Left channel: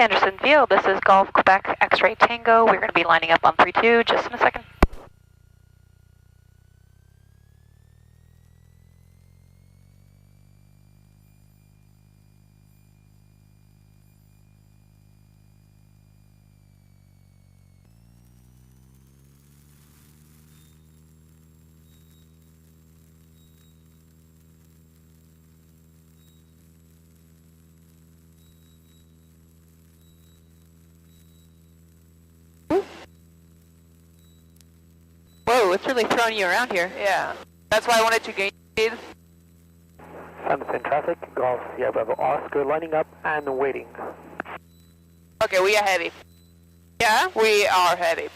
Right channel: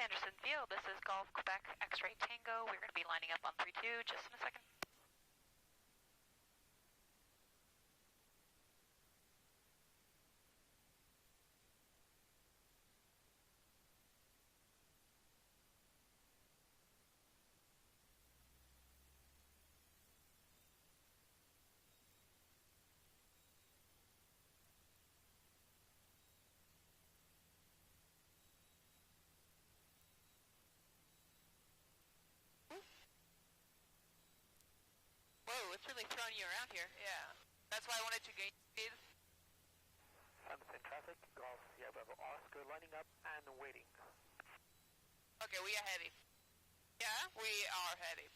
Sanderson Field, this is Golf Quebec X-Ray Tango. We're going to be lining up on 3-2 just in a second. Whoa, it's really throwing you around here. Yeah, that's why I wanted to gain speed. Sunset traffic, Golf Sierra Bravo Oscar lining up and waiting. Okay, we are heavy. Yeah, we are heavy.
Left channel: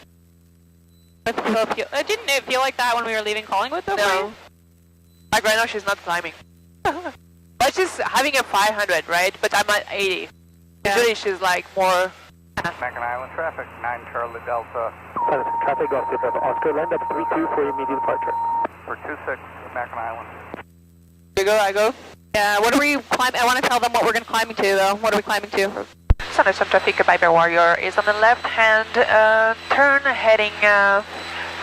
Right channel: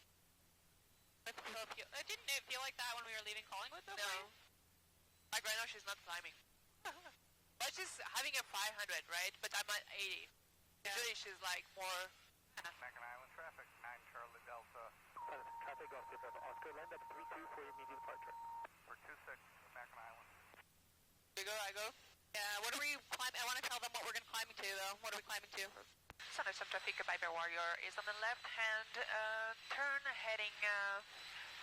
Didn't it feel like that when we were leaving Collingwood though? No. Like right now she's not climbing. But she's having a 500, right? But I'm at 80. Yeah. Usually she's like more... Macon Island traffic, 9 Charlie Delta. Sunset traffic, Golf Sierra Bravo Oscar lined up 3-2 for immediate departure. For 26, Macon Island. You go, I go. Yeah, what are we climbing? I want to tell them what we're going to climbing to though. What are we climbing to? Sanderson traffic, Viper Warrior is on the left hand turn heading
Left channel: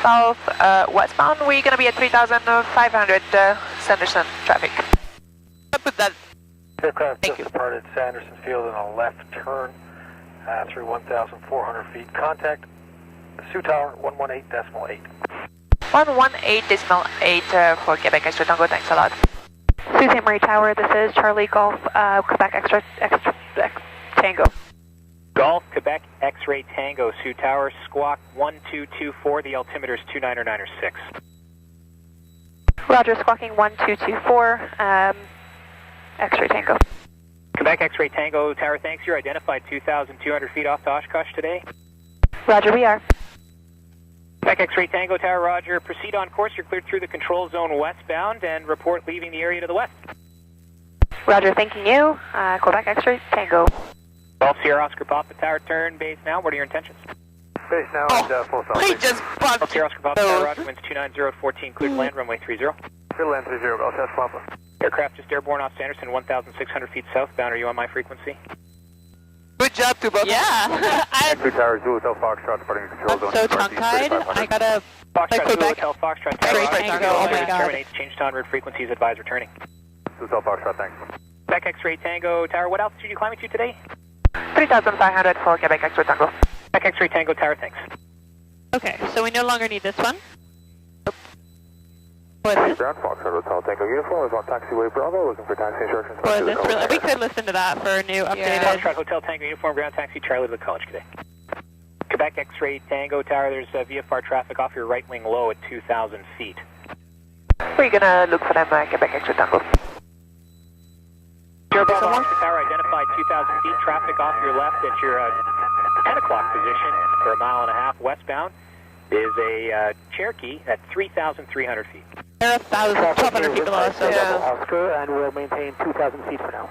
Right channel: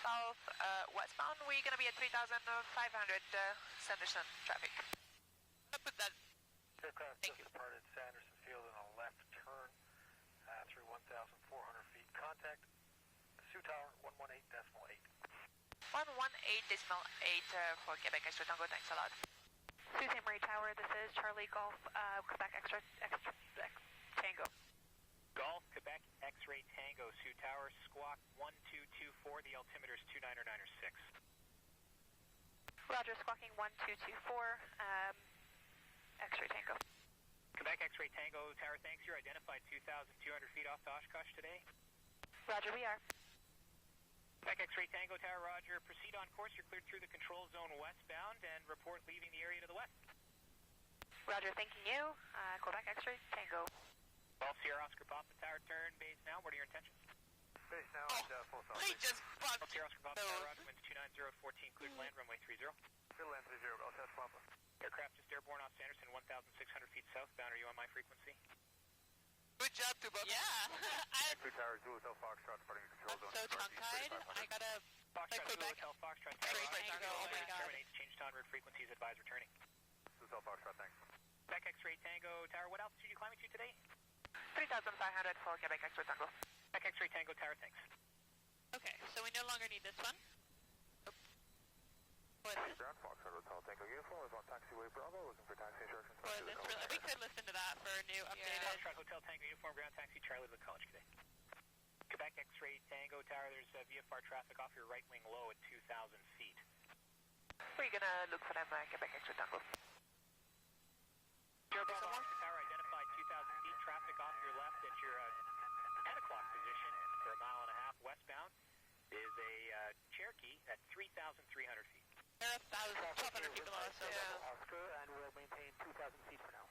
south westbound. We're going to be at 3,500 Sanderson traffic. I'll put that. Aircraft just departed Sanderson Field in a left turn through 1,400 feet. Contact Sioux Tower 118.8. 118.8 for Quebec Extra Tango. Thanks a lot. Sault Ste. Marie Tower, this is Charlie Golf Quebec Extra Tango. Golf Quebec X-Ray Tango, Sioux Tower, squawk 1224. The altimeter is 29906. Roger, squawking 1224, X-Ray Tango. Quebec X-Ray Tango, Tower, thanks. You're identified 2,200 feet off to Oshkosh today. Roger, we are. Quebec X-Ray Tango, Tower, roger. Proceed on course. You're cleared through the control zone westbound and report leaving the area to the west. Roger, thanking you. Quebec X-Ray Tango. Golf Sierra Oscar Papa, Tower, turn base now. What are your intentions? Base now and full south. He just Golf bumped. Sierra Oscar Papa, Tower, roger. Winds 290 at 14, cleared land, runway 30. Field land 30, Golf Test Papa. Aircraft just airborne off Sanderson, 1,600 feet southbound. Are you on my frequency? Good job to both. Yeah. Two Towers, Zulu Hotel Foxtrot departing the control zone. So tongue-tied. I got a Foxtrot, Zulu Quebec Hotel, Foxtrot, X-Ray Tower, Tango. roger. Oh my God. Terminates, change to en route frequencies, advise returning. Zulu Hotel Foxtrot, thanks. Quebec X-Ray Tango, Tower, what altitude are you climbing to today? 3,500 for Quebec Extra Tango. Quebec X-Ray Tango, Tower, thanks. Okay, so we no longer need this one. Ground Foxtrot Hotel Tango uniform is on taxiway Bravo, looking for taxi instructions. Was this really? We could listen to that for a new updated. Foxtrot Hotel Tango uniform, ground taxi, Charlie to the college today. Quebec X-Ray Tango, Tower, there's VFR traffic off your right wing low at 2,000 feet. We're gonna look for them, Quebec Extra Tango. Someone? Tower identified 2,000 feet, traffic off your left at your 10 o'clock position for a mile and a half westbound is a Cherokee at 3,300 feet. They're 1,200 feet below us, so Oscar, and we'll maintain 2,000 feet for now.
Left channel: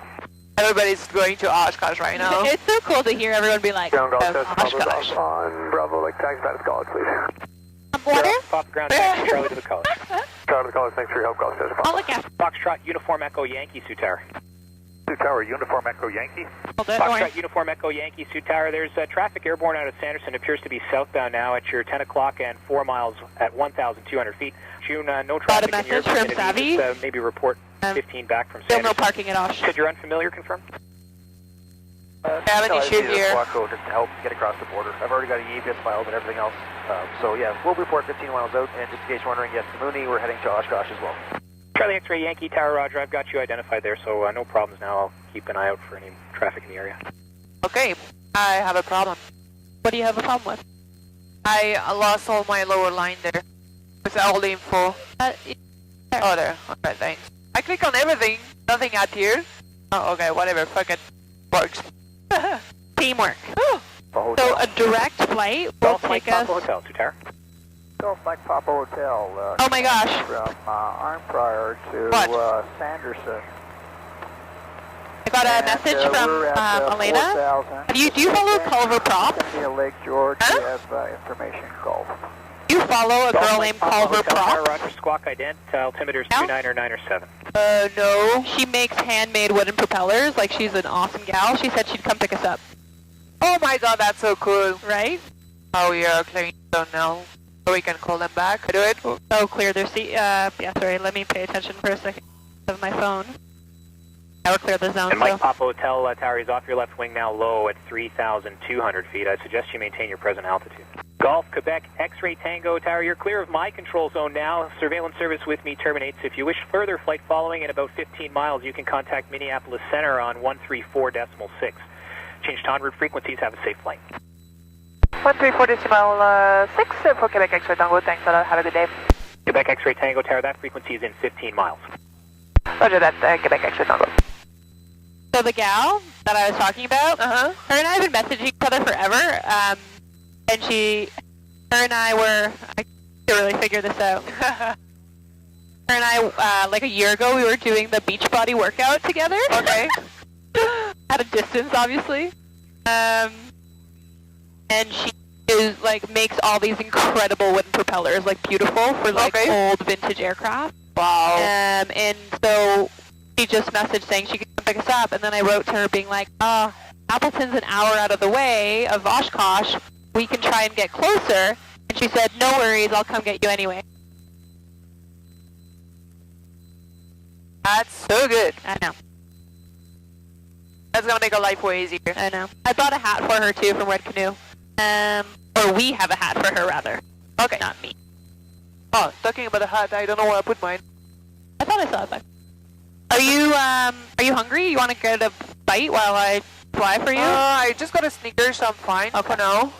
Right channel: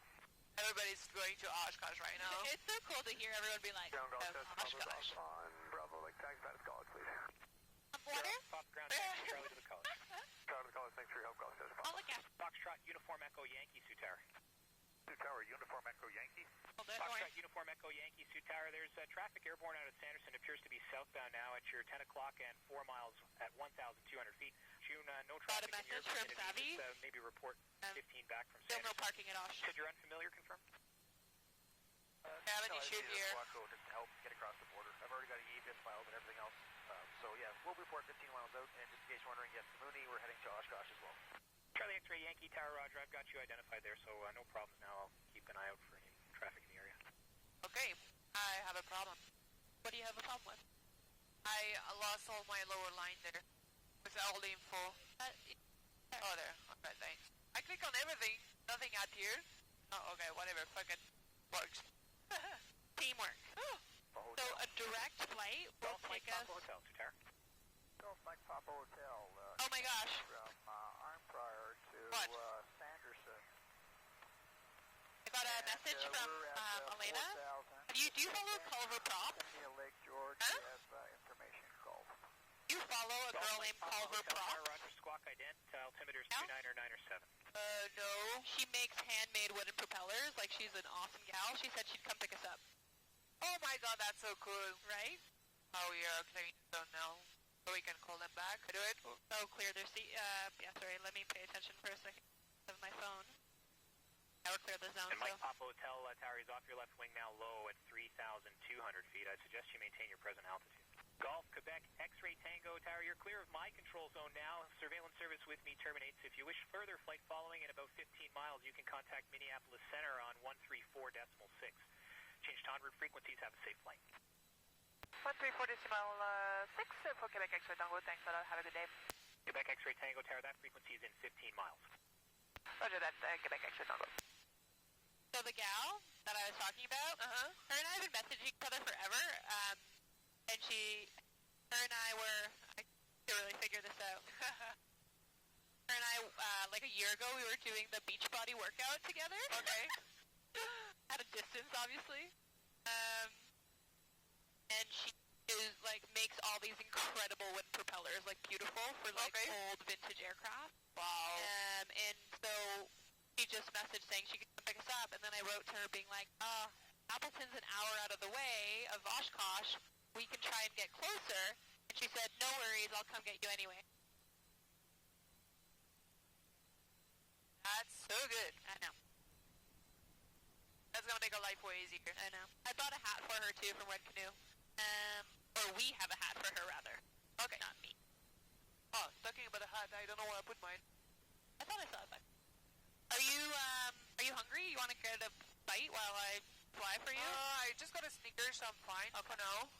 Everybody's going to Oshkosh right now. it's so cool to hear everyone be like, Ground Golf Test Oshkosh. Papa on Bravo, like taxi back to college, please. Water? Pop ground taxi, Charlie to the college. Charlie to the college, thanks for your help, Golf Test Papa. Oh, look at Foxtrot Uniform Echo Yankee, Sioux Tower. Sioux Tower, uniform Echo Yankee. Foxtrot Uniform Echo Yankee, Sioux Tower. There's traffic airborne out of Sanderson. Appears to be southbound now at your 10 o'clock and 4 miles at 1,200 feet. June, no traffic Got a in your message from vicinity. Savvy. Maybe report 15 back from Still Sanderson. no parking at Osh. Said you're unfamiliar, confirmed? I have an issue here. Just to help get across the border. I've already got a EAPS filed and everything else. So yeah, we'll report 15 miles out. And just in case you're wondering, yes, the Mooney, we're heading to Oshkosh as well. Charlie X-Ray Yankee, Tower, roger. I've got you identified there, so no problems now. I'll keep an eye out for any traffic in the area. Okay, I have a problem. What do you have a problem with? I lost all my lower line there. With all the info. Oh, there. Alright, thanks. I click on everything. Nothing appears. Oh, okay, whatever. Fuck it. Works. Teamwork. Oh. So a direct flight will Golf Mike take us... Papa Hotel, Sioux Tower. Golf Mike Papa Hotel. Oh my gosh. From Arnprior to Sanderson. I got a message from Elena. Do you follow Culver Prop? Lake George, Huh? we have information Golf. Do you follow a girl named Culver Tower, Prop? roger. Squawk ident. Altimeter's No? 29907. No. She makes handmade wooden propellers. Like, she's an awesome gal. She said she'd come pick us up. Oh my god, that's so cool. Right? Oh, we are clearing zone now. So we can call them back. Do it. Oh, clear their seat. Yeah, sorry, let me pay attention for a second of my phone. Now we're clear the zone. And Mike Papa Hotel Tower is off your left wing now low at 3,200 feet. I suggest you maintain your present altitude. Golf, Quebec, X-Ray Tango Tower, you're clear of my control zone now. Surveillance service with me terminates. If you wish further flight following at about 15 miles, you can contact Minneapolis Center on 134.6. Change to en route frequencies. Have a safe flight. 134.6 for Quebec X-Ray Tango. Thanks a lot. Have a good day. Quebec X-Ray Tango Tower, that frequency is in 15 miles. Roger that, Quebec X-Ray Tango. So the gal that I was talking about, her and I have been messaging each other forever, and her and I were, I can't really figure this out. Her and I, like a year ago, we were doing the Beachbody workout together. Okay. At a distance, obviously. And she is, like, makes all these incredible wooden propellers, like, beautiful for, like, old vintage aircraft. Wow. And so she just messaged saying she could come pick us up, and then I wrote to her being like, Appleton's an hour out of the way of Oshkosh. We can try and get closer. And she said, no worries, I'll come get you anyway. That's so good. I know. That's gonna make our life way easier. I know. I bought a hat for her, too, from Red Canoe. Or we have a hat for her, rather. Okay. Not me. Oh, talking about a hat, I don't know where I put mine. I thought I saw it back. Are you hungry? You want to get a bite while I fly for you? I just got a Snickers, so I'm fine for now.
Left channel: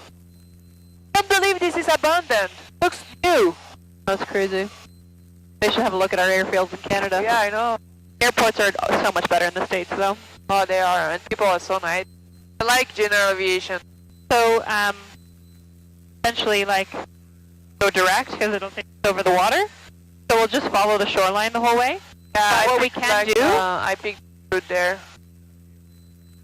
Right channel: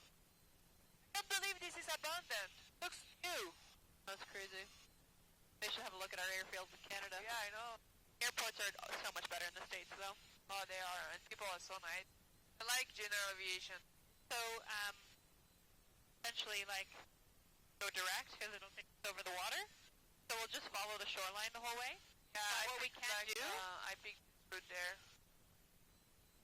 I can't believe this is abandoned. Looks new. That's crazy. They should have a look at our airfields in Canada. Yeah, I know. Airports are so much better in the States, though. Oh, they are, and people are so nice. I like general aviation. So, essentially, like, go direct, because it'll take us over the water. So we'll just follow the shoreline the whole way. Yeah, what we can do... I picked route there.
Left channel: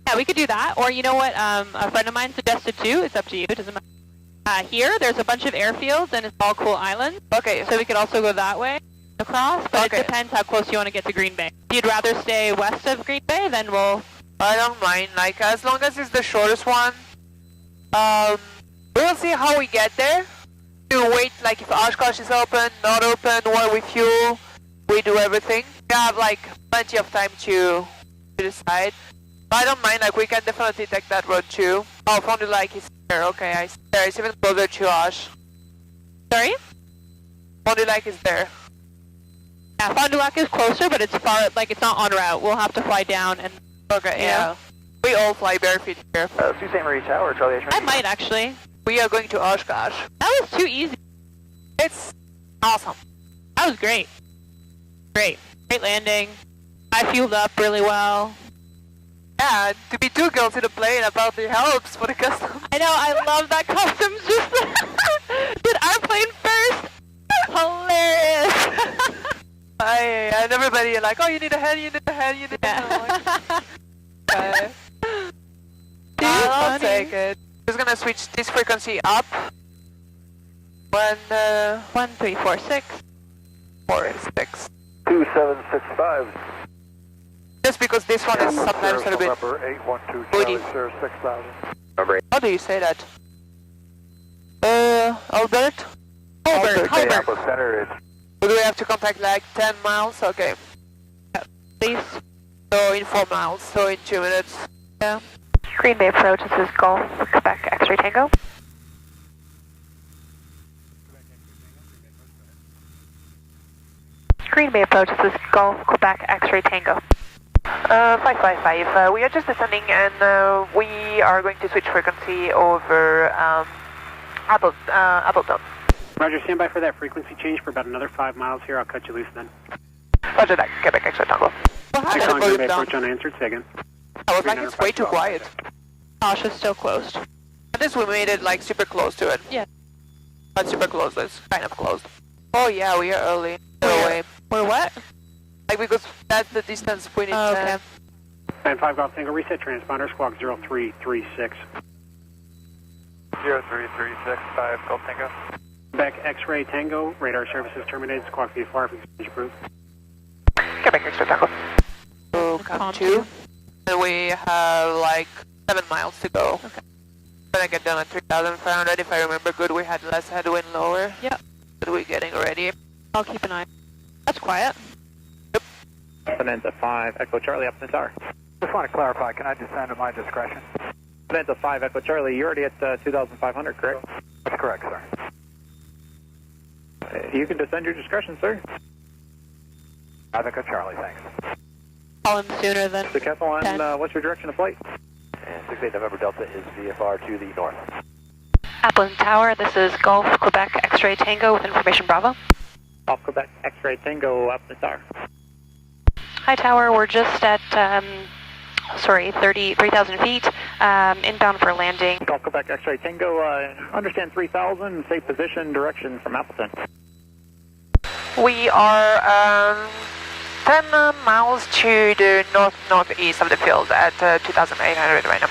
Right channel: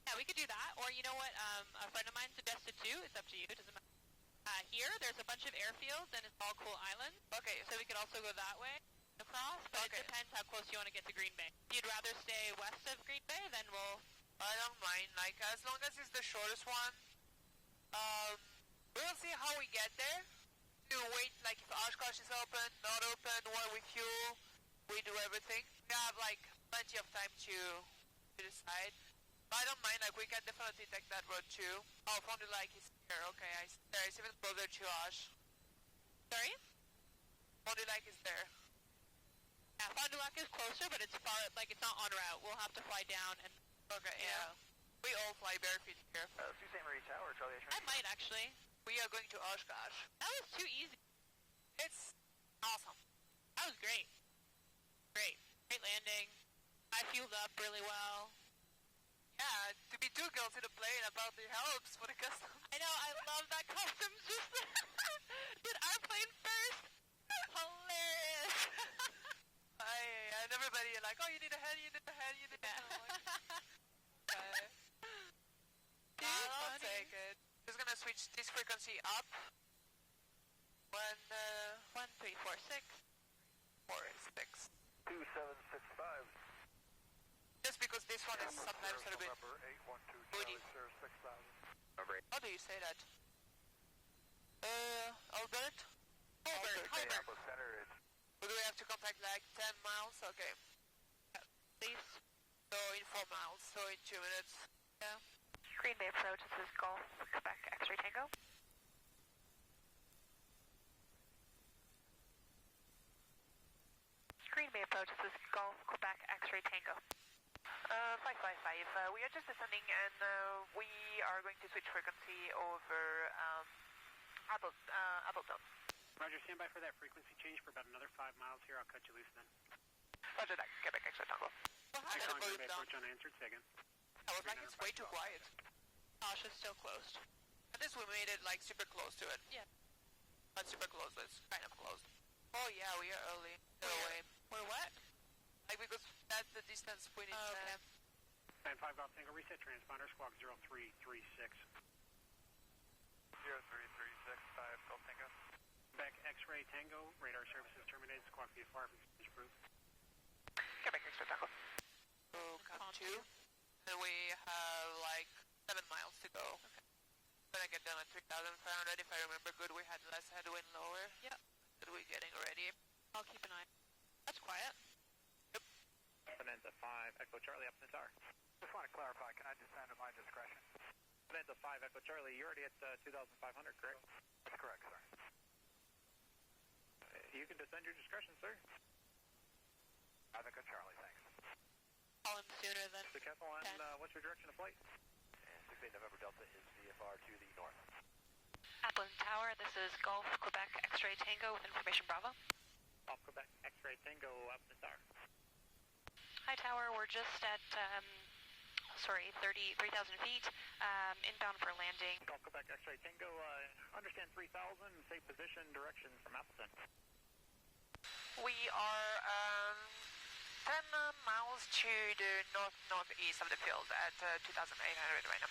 Yeah, we could do that. Or, you know what, a friend of mine suggested, too. It's up to you. It doesn't matter. Here, there's a bunch of airfields, and it's all cool islands. Okay. So we could also go that way across, but it depends how close you want to get to Green Bay. If you'd rather stay west of Green Bay, then we'll... I don't mind. Like, as long as it's the shortest one. We'll see how we get there. To wait, like, if Oshkosh is open, not open, what we fuel, we do everything. We have, like, plenty of time to decide. But I don't mind, like, we can definitely take that road too. Oh, Fond du Lac is there. Okay, I see there. It's even closer to Osh. Sorry? Fond du Lac is there. Yeah, Fond du Lac is closer, but it's far, like, it's not en route. We'll have to fly down and... Okay, yeah. We all fly barefoot here. Sault Ste. Marie Tower, Charlie H. I might, actually. We are going to Oshkosh. That was too easy. It's awesome. That was great. Great. Great landing. I fueled up really well. Yeah, to be two girls in a plane apparently helps for the custom. I know, I love that customs just did our plane first. Hilarious. And everybody like, oh, you need a hand, you need a hand, you need a hand. Okay. I'll take it. Just gonna switch this frequency up. 1346. 4-6. 2765. Just because this one is sometimes a little bit... Number 812 Woody. Charlie, 6000. Number 8. How do you say that? Albert? Albert. Minneapolis Center, it's Do we have to contact like 10 miles? Okay. Please. So in 4 miles, so in 2 minutes. Yeah. Green Bay approach, this is Golf, Quebec X-Ray Tango. Green Bay approach, this is Golf, Quebec X-Ray Tango. 555. We are just descending and we are going to switch frequency over Appleton. Roger, stand by for that frequency change for about another 5 miles here. I'll cut you loose then. Roger that, Quebec X-Ray Tango. Well, hi, Green volume Bay down. approach unanswered, say again. I was like, it's way too quiet. Osh is still closed. At least we made it like super close to it. Yeah. Not super close, it's kind of closed. Oh yeah, we are early. No way. We're what? Like because that's the distance we need Oh, okay. 95 Golf Tango, reset transponder, squawk 0336. 0336, 5 Golf Tango. Quebec X-Ray Tango, radar services terminated, squawk VFR, exchange approved. Quebec X-Ray Tango. So Calm come 2. And we have like 7 miles to go. Okay. Gonna get down at 3,500. If I remember good, we had less headwind lower. Yep. But we're getting ready. I'll keep an eye. That's quiet. Bonanza 5, Echo Charlie, up to the tower. Just want to clarify, can I descend at my discretion? Bonanza 5, Echo Charlie, you're already at 2,500, correct? That's correct, sir. You can descend your discretion, sir. Echo Charlie, thanks. Call him sooner than The Decathlon, 10. what's your direction of flight? And 68 November Delta is VFR to the north. Appleton Tower, this is Golf Quebec X-Ray Tango with information Bravo. Off Quebec, X-Ray Tango, up to the tower. Hi Tower, we're just at, 3,000 feet, inbound for landing. Off Quebec, X-Ray Tango, understand 3,000, safe position, direction from Appleton. We are 10 miles to the northeast of the field at 2,800 right now.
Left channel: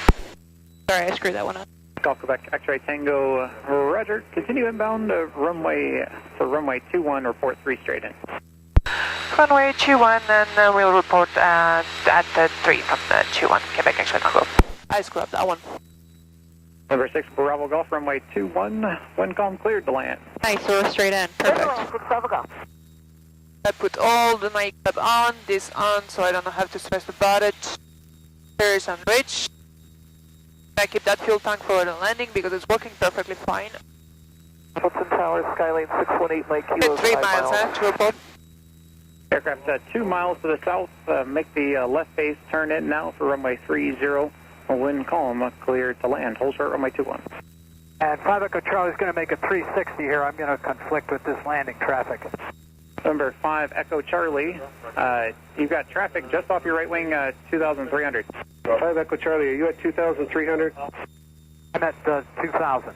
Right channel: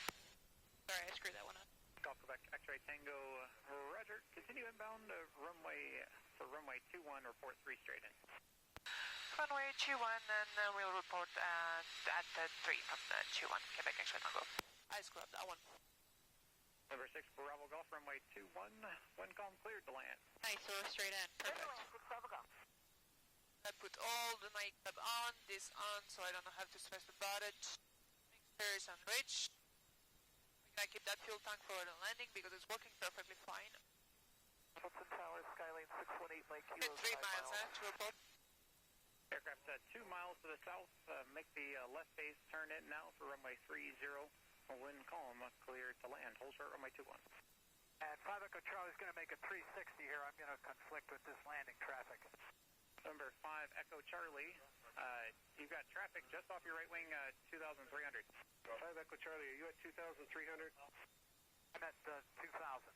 Sorry, I screwed that one up. Golf Quebec, X-Ray Tango, roger. Continue inbound runway 21, report 3 straight in. Runway 21, and we'll report at 3 from the 21, Quebec X-Ray Tango. I screwed up that one. Number 6, Bravo Golf, runway 21, wind calm cleared to land. Nice, so we're straight in. Perfect. I put all the makeup on, this on, so I don't have to stress about it. Here is unreached. I keep that fuel tank for the landing because it's working perfectly fine. Appleton Tower, Skylane 618, Mike Kilo, 3 miles, to report. Aircraft 2 miles to the south, make the left base turn in now for runway 30, wind calm, clear to land. Hold short runway 21. And 5 Echo Charlie is going to make a 360 here. I'm going to conflict with this landing traffic. Number 5, Echo Charlie, you've got traffic just off your right wing, 2,300. 5 Echo Charlie, are you at 2,300? I'm at 2,000.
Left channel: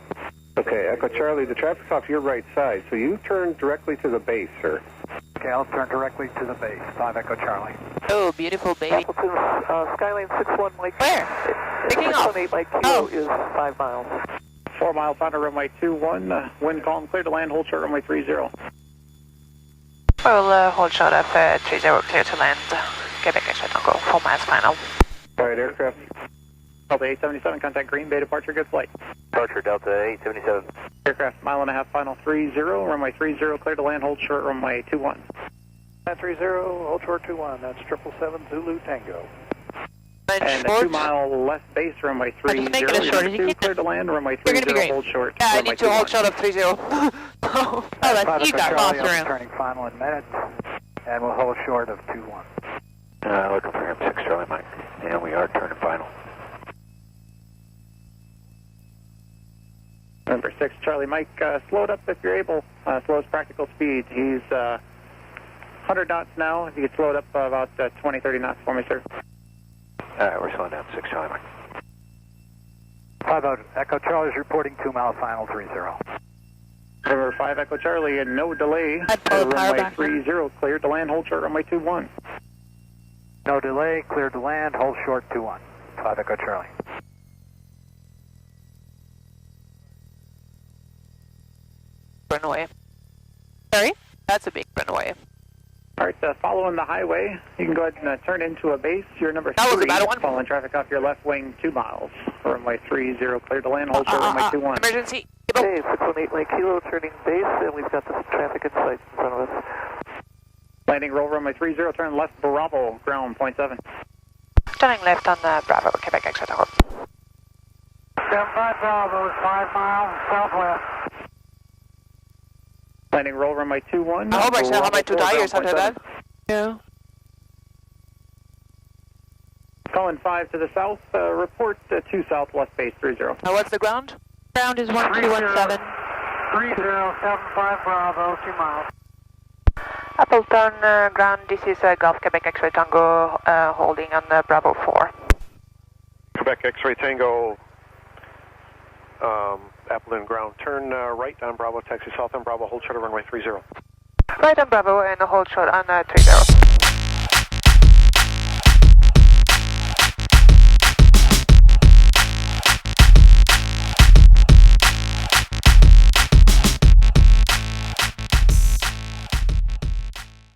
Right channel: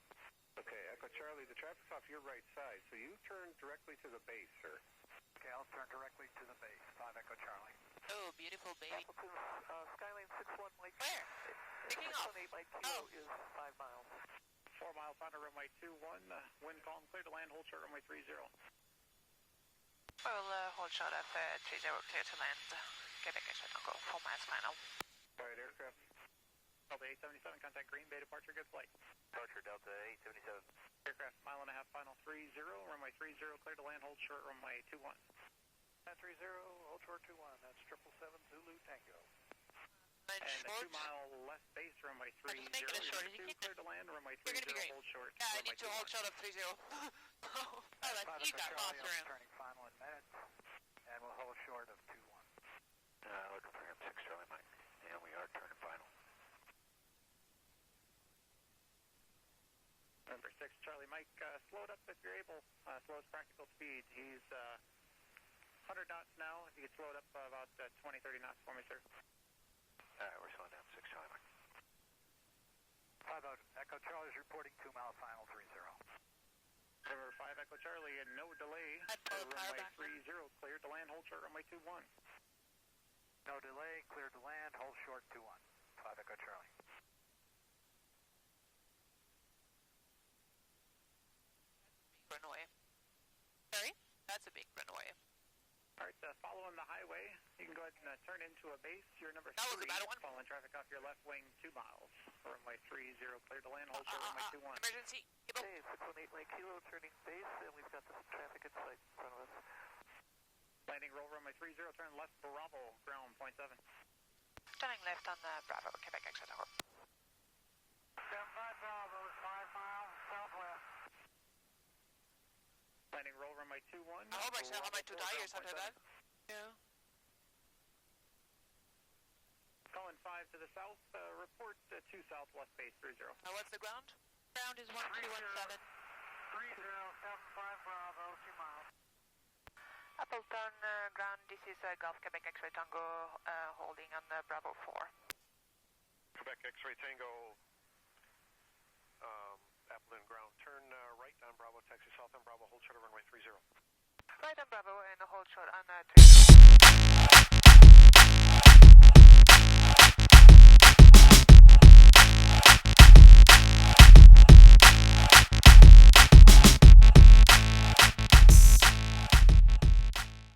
Okay, Echo Charlie, the traffic's off your right side, so you turn directly to the base, sir. Okay, I'll turn directly to the base. 5 Echo Charlie. Oh, beautiful baby. Appleton, Skylane 61, Mike. Where? Picking up. 618, Mike Kilo is 5 miles. 4 miles on to runway 21, wind calm, clear to land. Hold short runway 30. We'll hold short of 30, clear to land. Quebec X-Ray Tango, 4 miles final. All right, aircraft. Delta 877, contact Green Bay, departure, good flight. Departure, Delta 877. Aircraft, 1.5 miles, final 30, runway 30, clear to land. Hold short runway 21. 30, hold short 21, that's 777 Zulu Tango. And a 2 mile left base, runway 30. Just make it as short as you can. Clear to land, runway You're gonna be 30, great. hold short. Yeah, I runway need to hold 21. short of 30. Oh, that's, you got lost around. Turning final in minutes, and we'll hold short of 21. Looking for him, 6 Charlie Mike. And we are turning final. Number 6, Charlie Mike, slow it up if you're able. Slow as practical speed. He's 100 knots now. If you could slow it up about 20, 30 knots for me, sir. All right, we're slowing down, 6 Charlie Mike. 5 Echo Charlie is reporting 2 mile final 30. Number 5, Echo Charlie, and no delay. I'd pull the power Runway back. 30, cleared to land. Hold short runway 21. No delay, cleared to land, hold short 21. 5 Echo Charlie. Runway. Sorry? That's a big runway. All right, following the highway, you can go ahead and turn into a base. You're number That was 3, about one. following traffic off your left wing 2 miles. Runway 30, cleared to land. Hold short runway 21. Emergency. Hey, 618 Mike Kilo, turning base, and we've got the traffic in sight in front of us. Landing roll runway 30, turn left Bravo, ground 0.7. Turning left on Bravo, Quebec X-Ray Tango. 75 Bravo is 5 miles southwest. Landing roll runway 21. I hope I still have my 2 Bravo, tires after that. 0.7. Yeah. Calling 5 to the south, report 2 southwest base 30. Now what's the ground? Ground is 1217. 3075 Bravo, 2 miles. Appleton ground, this is Golf Quebec X-Ray Tango holding on Bravo 4. Quebec X-Ray Tango, Appleton ground. Turn right on Bravo, taxi south on Bravo, hold short of runway 30. Right on Bravo and hold short on 30.